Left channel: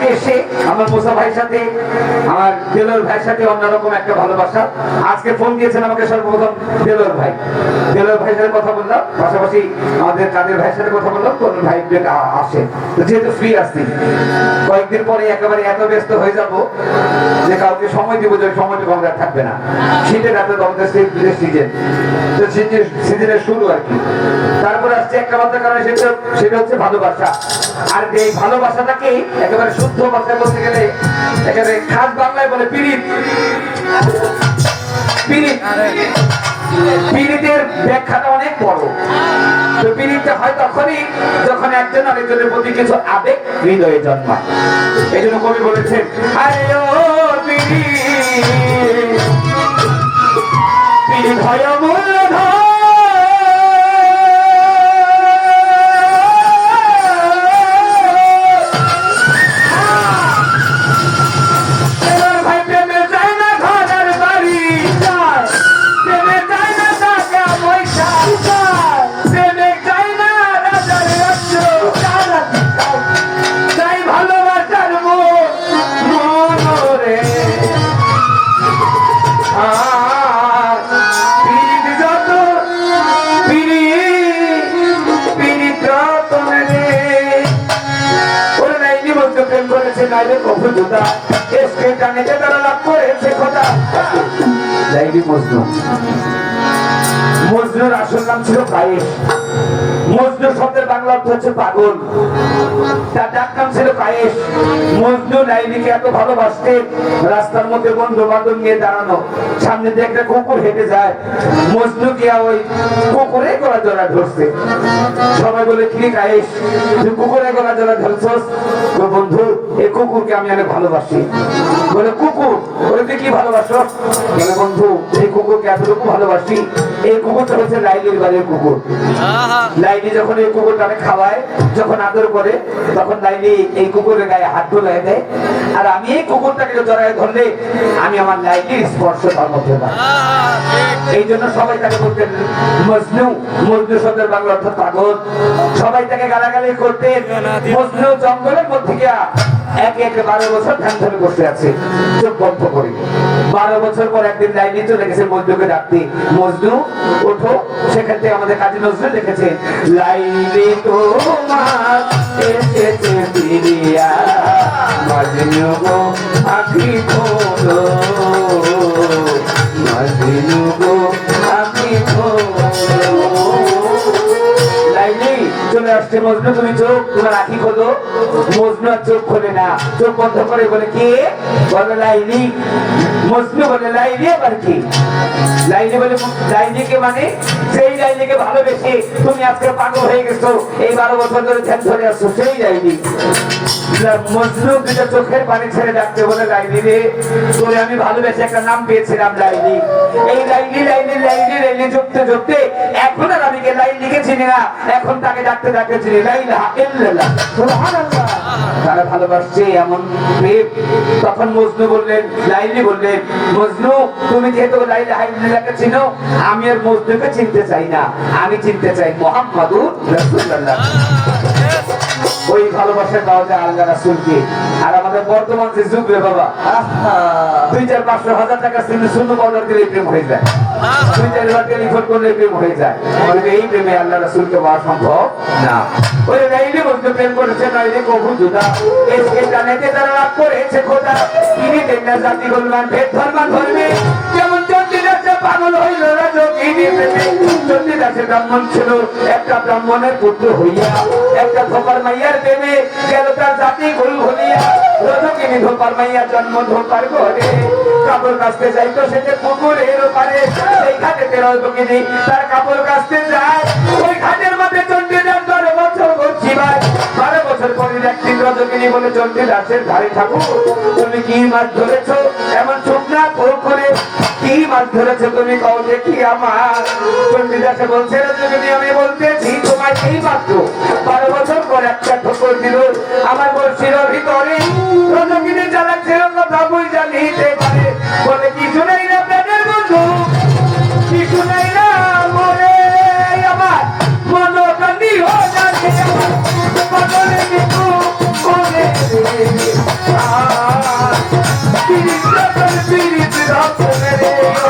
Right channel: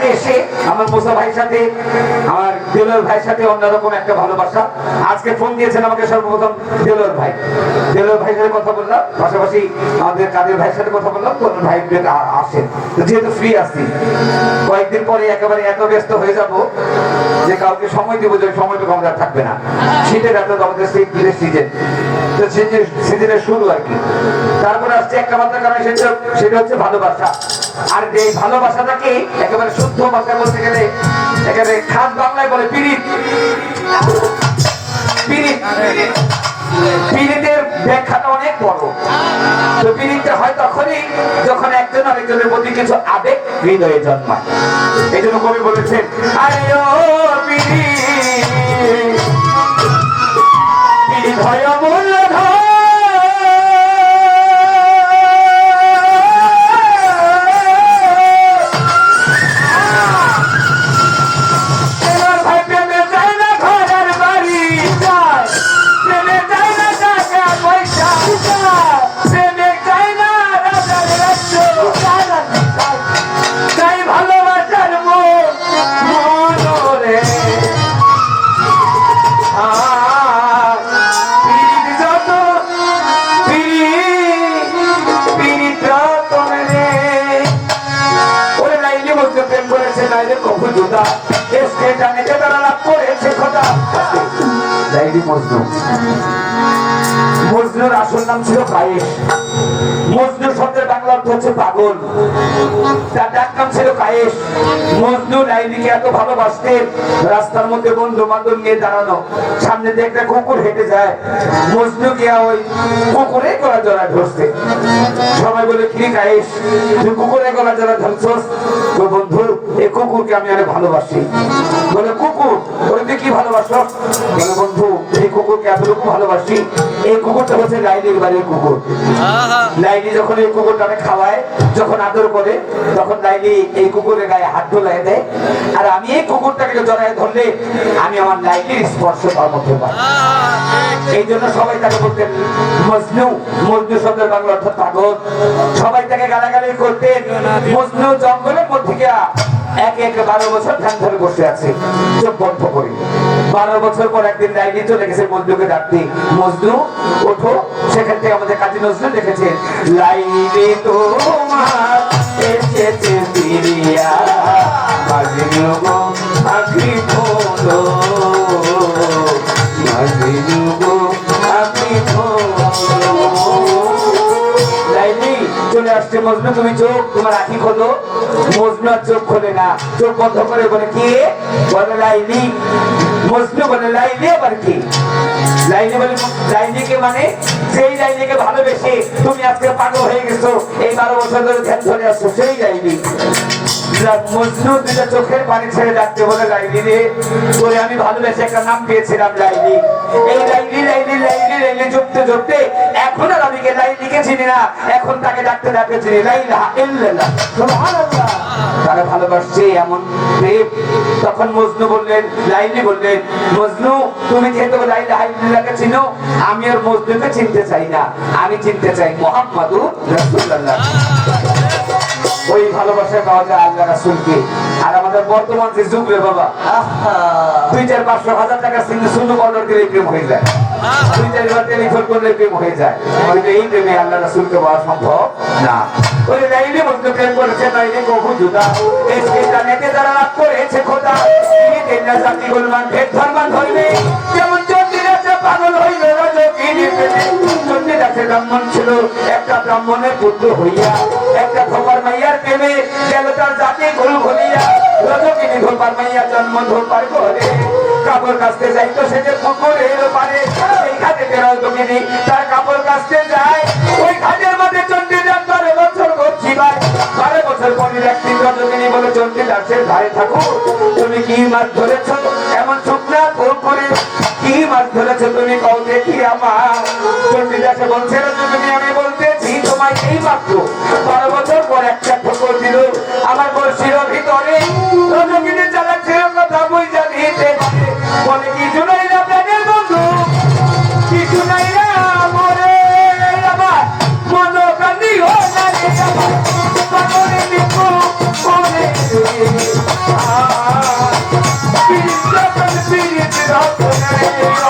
আজকে এসে আমার মোসা ভাইয়ের সাথে, আমার দেলোর ভাইয়ের সাথে অন্যরকম একটা ভালোবাসা। আজকে ফোন দিয়েছেন আমাকে সর্বপ্রথম দেলোর ভাই। দেলোর ভাইয়ের সাথে কথা বললাম, পাশাপাশি আমাদের কাদের ভাইয়ের সাথে কথা বললাম, কোন ভাই আসেন। তো যেহেতু ফ্রি আসছি কয়েকদিন পরে একেবারে এত ব্যস্ত হয়ে যাব যে কাউকে সময় দিব যে সময়টুকু আমাদের থাকবে না। শীতের এত আমাদের সিজন তো সিজনের শুরু আর কি। তারপরে আসছে একটা মাত্র কারণ, সেটা সেটা হচ্ছে ভালোবাসা। আর এই ভালোবাসাটাকে একেবারে শুদ্ধ ভাষায় বলতে গেলে একেবারে খাস বাংলায় বলে পিড়িত। পিড়িত। ব্যাখ্যাটা অনেক বড়। তো হয় তখনই যখন একজন আরেকজনের প্রতি কিছু আবেগ হৃদয়ে জন্মায়। এই জন্য কবি বলেছেন, আরে ও হয় নাইলে কবু জুদা এসকে টানিতে তারা লাভ করেছে খোদা লাইনি মজনু। মজনুর আসল নাম ছিল বাংলা অর্থ হচ্ছে পাগল। তার ডাক নাম ছিল কায়েস। মজনু লাইনিকে এত ভালোবাসতেন রাস্তার মধ্যে বন্ধু বান্ধব নিয়ে দাঁড়ানো। সামনে দিয়ে একটা কুকুর হেঁটে যায়। মজনু গিয়া ওই কুকুরে গলা জড়া ধরছে। সবাই বলে, কি কায়েস? তুই কুকুরে গলা জড়া ধরছস? তো বন্ধু, এই কুকুরকে আমি অনেক ভালোবাসি। বলে, কুকুর বলে তুই কি ভালোবাসো? বলে বন্ধু এই কুকুরকে এতটুকু ভালোবাসি। এই কুকুরটা হচ্ছে লাইলির বাড়ির কুকুর। লাইলি যখন এই কুকুরটাকে খাওয়ায় যখন আদর করে তখন লাইলি এই কুকুরের গায়ে হাত ধুলাই দেয়। আর আমি এই কুকুরটাকে জড়ায় ধরলে আমি আমার লাইলির স্পর্শ পাই। এই জন্য সবাই তাকে বলতেন মজনু মজনু শব্দের বাংলা অর্থ পাগল। সবাই তাকে গালাগালি করতেন মজনু জঙ্গলের মধ্যে গিয়া এক এক বারো বছর ধ্যান ধরে বসে আছে, চোখ বন্ধ করি। বারো বছর পর একদিন লাইনে চলে গেছে মজনুকে ডাকতে। মজনু ওঠো, সেখান থেকে আমাদের কাজী নজরুল দেখেছে লাইনে তোমার মজনু, তুমি চোখ তোমার আখি খোলো। মজনু আর চোখ খোলে না। চোখ বন্ধ করে বলে বলে লাইলি। মজনু বলে লাইলি আবার কি? লাইলি বলে মানে সেই ভালোবেসে তুমি আজকে পাগল হয়ে গেছো। এই বারো বছর ধরে ধ্যান ধরে আসছো সেই লাইলি। মজনু দুটো চোখের পানি ছেড়ে ডাকতে বলে লাইলি রে। তোরে আমি ভালোবেসে একটা নাম পেয়েছিলাম লাইলি। এই লাইলি লাইলি লাইলি লাইলি জপতে জপতে এখন আর আমি কে লাইলিকে চিনি না? এখন তাকে ডাকতে ডাকতে এমন তখন মজনু বললেন, লাইলি বললেন, মজনু, তুমি চিনো, আমি আর মজনুকে চিনতে চাই না। আমি চিনতে চাই রাসূলুল্লাহ। ওই ভালোবাসা পাওয়া যায় আল্লাহ রাসুলকে। আর আমাদের বর্তমান যে যুগ রে বাবা দুই চার পাঁচশো হাজার টাকা সিনে শুধু অর্ডার দিলে প্রেম হয়ে যায়। দুই চারবার টেলিফোন করলে প্রেম হয়ে যায়। কিন্তু এই প্রেমে আল্লাহ রাসুলকে পাওয়া সম্ভব না। ওই লাইলি বন্ধু প্রেম করেছে নাইলে কবু জুদা। যারা লাভ করেছে খোদা তিনি জাতি গুলমান ভেদ ধর্মান চন্ডিদাসে ব্রাহ্মণ ছিল। একটা ব্রাহ্মণের পুত্র হইয়া, একটা ধোপার মাইয়ার প্রেমে গেল তার জাতি ভুল ভুলিয়া রজকিনী ধোপার মাইয়া জন্ম ধোপার ঘরে। যে বারো বছর করছি ভাই বারো বছর পরে একদিন রজকিনী বলে চন্ডিদাসের ধারে থাকো তুমি কি মাছ ধরেছো? এমন শুকনা করে কি মাছ ধরেছো? তুমি কও দেখি আমার। চণ্ডীদাসে বলছিল যদি আমি বলতেছি তোমায় সেই মাত্র। বারো বছর পর একটা ঠোকর দিল। আমার বলছিল ভিতরে। রজকিনে চালাচ্ছিল কথা বই জানিতে পারে। বলে, কিছু নাই না প্রাণের বন্ধু। কিছু নাই না মরে আমার। মন কান্দি হো জানি আমার। পাগলে নিকু বলে আ কৃষ্ণ কৃষ্ণ রাত রে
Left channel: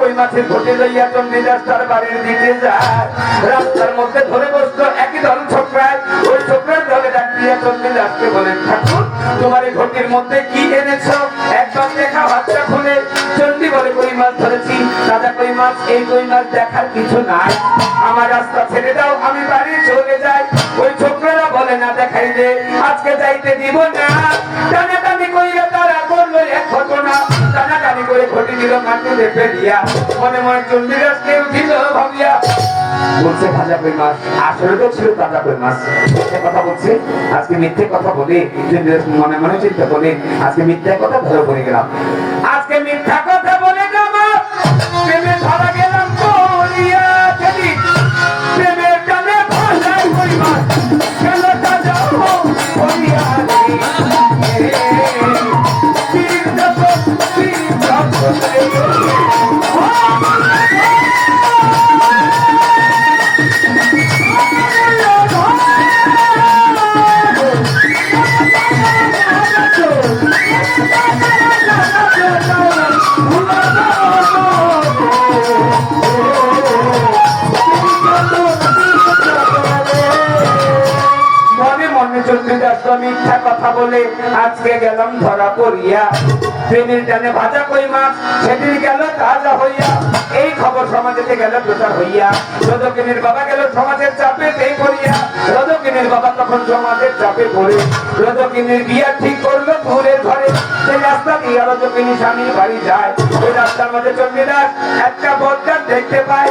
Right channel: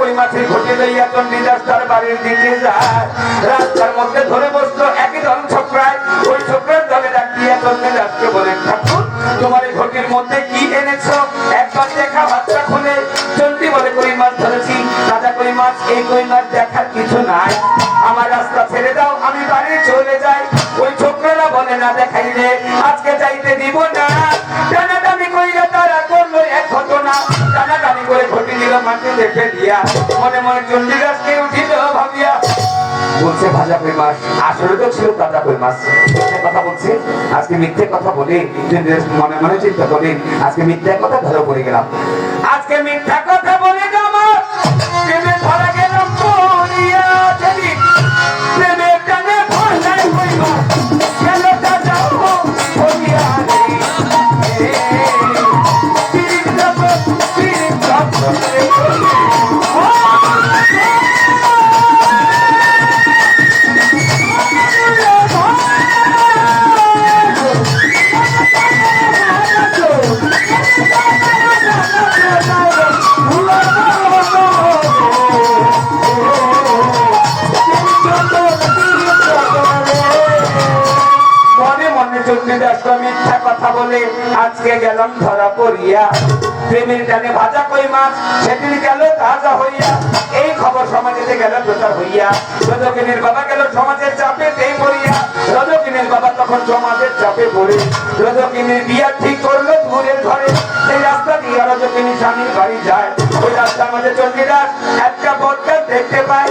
কই মাছের ঘটি লইয়া চণ্ডীদাস তার বাড়ির দিকে যায়। রাস্তার মধ্যে ধরে বসল একই দল ছোকরায়। ওই ছোকরার দলে ডাক দিয়া চণ্ডীদাসকে বলেন ঠাকুর, তোমার এই ঘটির মধ্যে কি এনেছো? একবার দেখা বাচ্চা খুলে চণ্ডী বলে, কই মাছ ধরেছি? রাজা কই মাছ, এই কই মাছ দেখার কিছু নাই। আমার রাস্তা ছেড়ে দাও, আমি বাড়ি চলে যাই। ওই ছোকরারা বলে, না দেখাইলে আজকে যাইতে দিব না। ঘটি বলছে, ভাজা কই মাছ? আসলে তো ছিল তাজা কই মাছ। কথা বলছে, আজকে মিথ্যে কথা বলে মনে মনে চিন্তা করে, আজকে মিথ্যে কথা ধরে পড়ে গেলাম। আজকে মিথ্যা কথা বলে আমার ধরা গেলাম চণ্ডীদাস মিথ্যা কথা চাপে পড়ে। রজকিনীর বিয়া ঠিক করল দূরের ঘরে। সেই রাস্তা দিয়ে রজকিনী স্বামীর বাড়ি যায়। ওই রাস্তার মধ্যে চণ্ডীদাস একটা বদকার দেখতে পায়।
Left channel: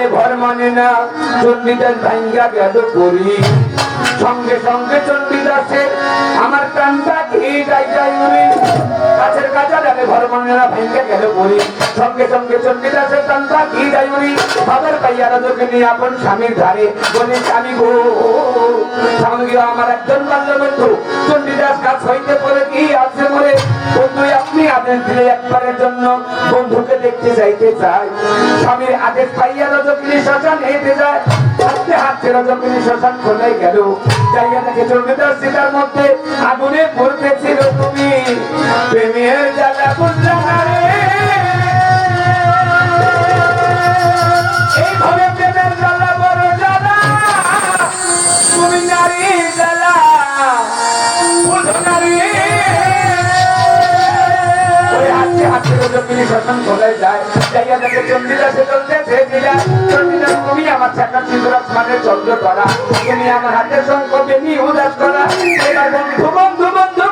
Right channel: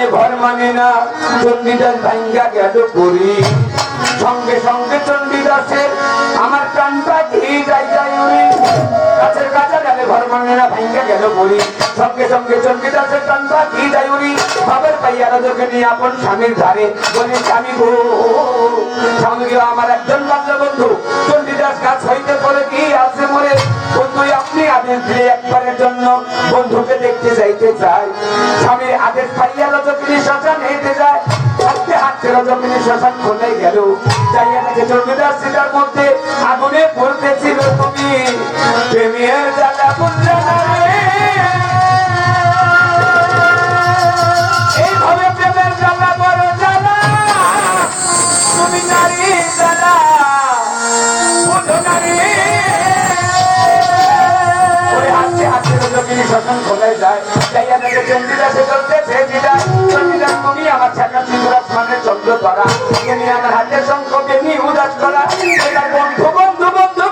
ডালে ঘর মানে না, চণ্ডীদাস ভাঙ্গা গেল করি সঙ্গে সঙ্গে চণ্ডীদাসের আমার প্রাণটা খেয়ে যাই যাই উনি। কাঁচা ডালে ঘর মানে না গেল করি সঙ্গে সঙ্গে প্রাণটা যাই নিয়ে আপন স্বামীর ধারে বলে স্বামী গো স্বামী আমার একজন বাল্য বন্ধু চণ্ডীদাস গাছ হইতে পরে কি বন্ধু বন্ধুকে দেখতে যাইতে চাই স্বামীর আদেশ পাইয়া রজকিনী শ্মশান হেঁটে যায়। হাতে হাতে রজকিনী শ্মশান খোলে গেল? যাইয়া দেখে চণ্ডীদাস সীতার মধ্যে আগুনে বলতেছিল তুমি। প্রেমের জ্বালা বুঝলে রজকিনী শ্মশান খোলায় যায়? যাইয়া দেখে চণ্ডীদাসে চলতেছে দিদা। চণ্ডীদাস তুমি আমার ছাকা সিন্দুরাস মানে চন্দ্র ধরা তুমি আমার হাতে শঙ্খ বেনি উদাস করা। এবার বন্ধু বন্ধু